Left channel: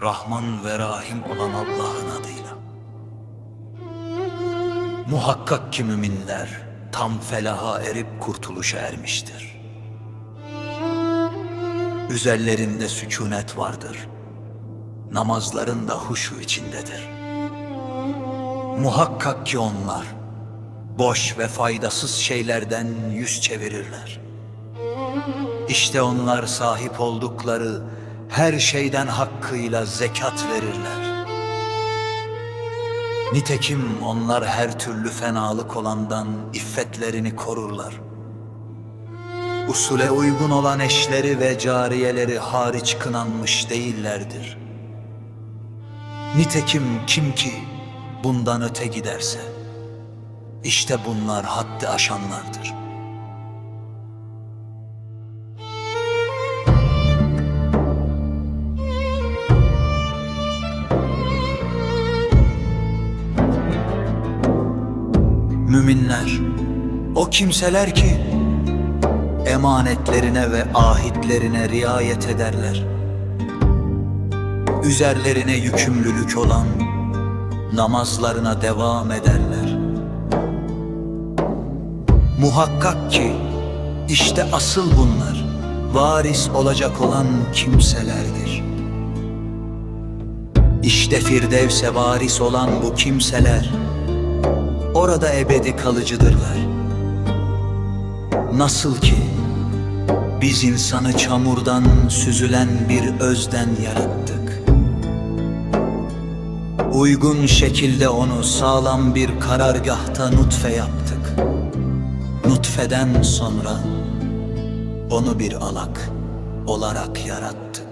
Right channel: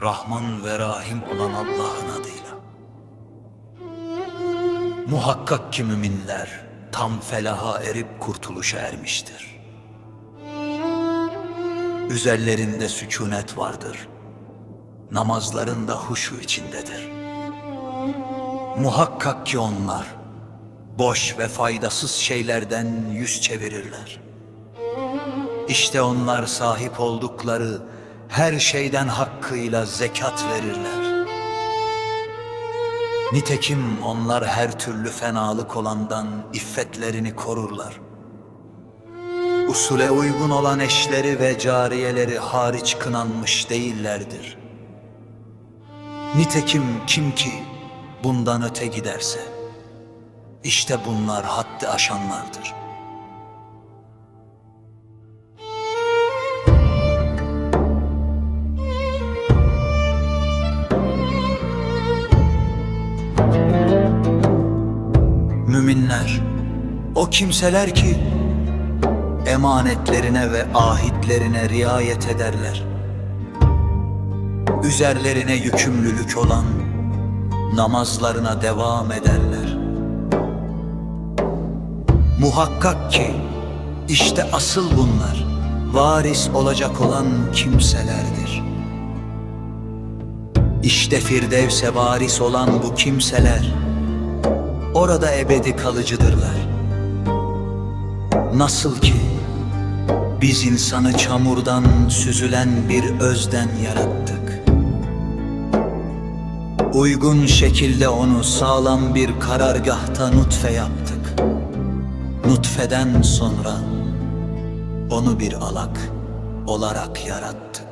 Rahman ve Rahim olan Allah'ın adıyla. Muhakkak ki müminler tam felaha erip kurtuluşa ermiştir. Üzerlerinde sükunet vardır. Namazlarında huşu içindedir. Muhakkak ki onlar boş ve faydasız şeylerden yüz çevirirler. İşte onlar sahip oldukları her şeyden hakkıyla zekat verirler. Nitekim onlar her türlü fenalık olandan iffetlerini korurlar. Usule uygun olan eşleri ve cariyeleri hariç kınanmış değillerdir. Nitekim kim ki bundan öte giderse, işte bunlar haddi aşanlardır. Müminler, o kimseler ki emanetlerine ve ahitlerine riayet ederler. Üzerlerine yükümlülük olan namazlarına devam ederler. Muhakkak ki işte asıl bunlar varis olacak olan kimselerdir. İşte Firdevs'e varis olan bu kimseler orada ebedi kalıcıdırlar. Nasıl ki biz insanı çamurdan süzülen bir özden yarattık. Uygun şekilde onu sağlam bir karargahta nutfe yaptık. Nutfeden sonra onu bir alak olarak yarattık.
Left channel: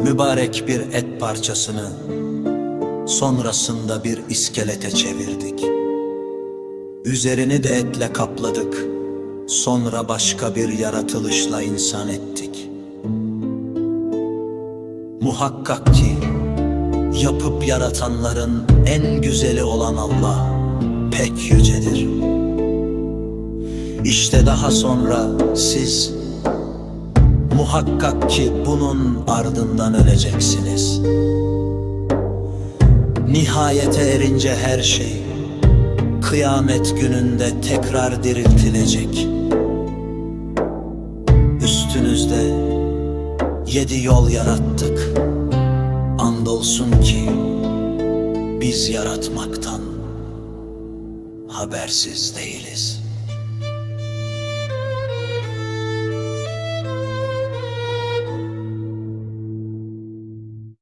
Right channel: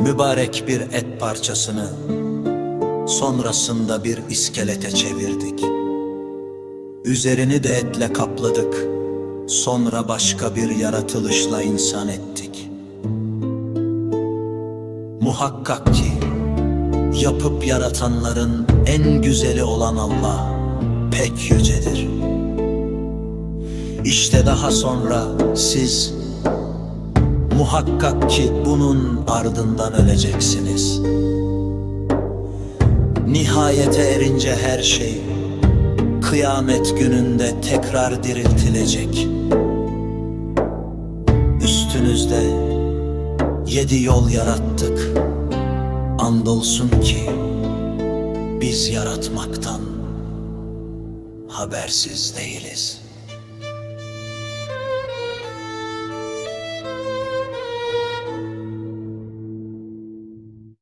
Mübarek bir et parçasını sonrasında bir iskelete çevirdik. Üzerini de etle kapladık. Sonra başka bir yaratılışla insan ettik. Muhakkak ki yapıp yaratanların en güzeli olan Allah pek yücedir. İşte daha sonra siz Muhakkak ki bunun ardından öleceksiniz. Nihayete erince her şey kıyamet gününde tekrar diriltilecek. Üstünüzde yedi yol yarattık. Andolsun ki biz yaratmaktan habersiz değiliz.''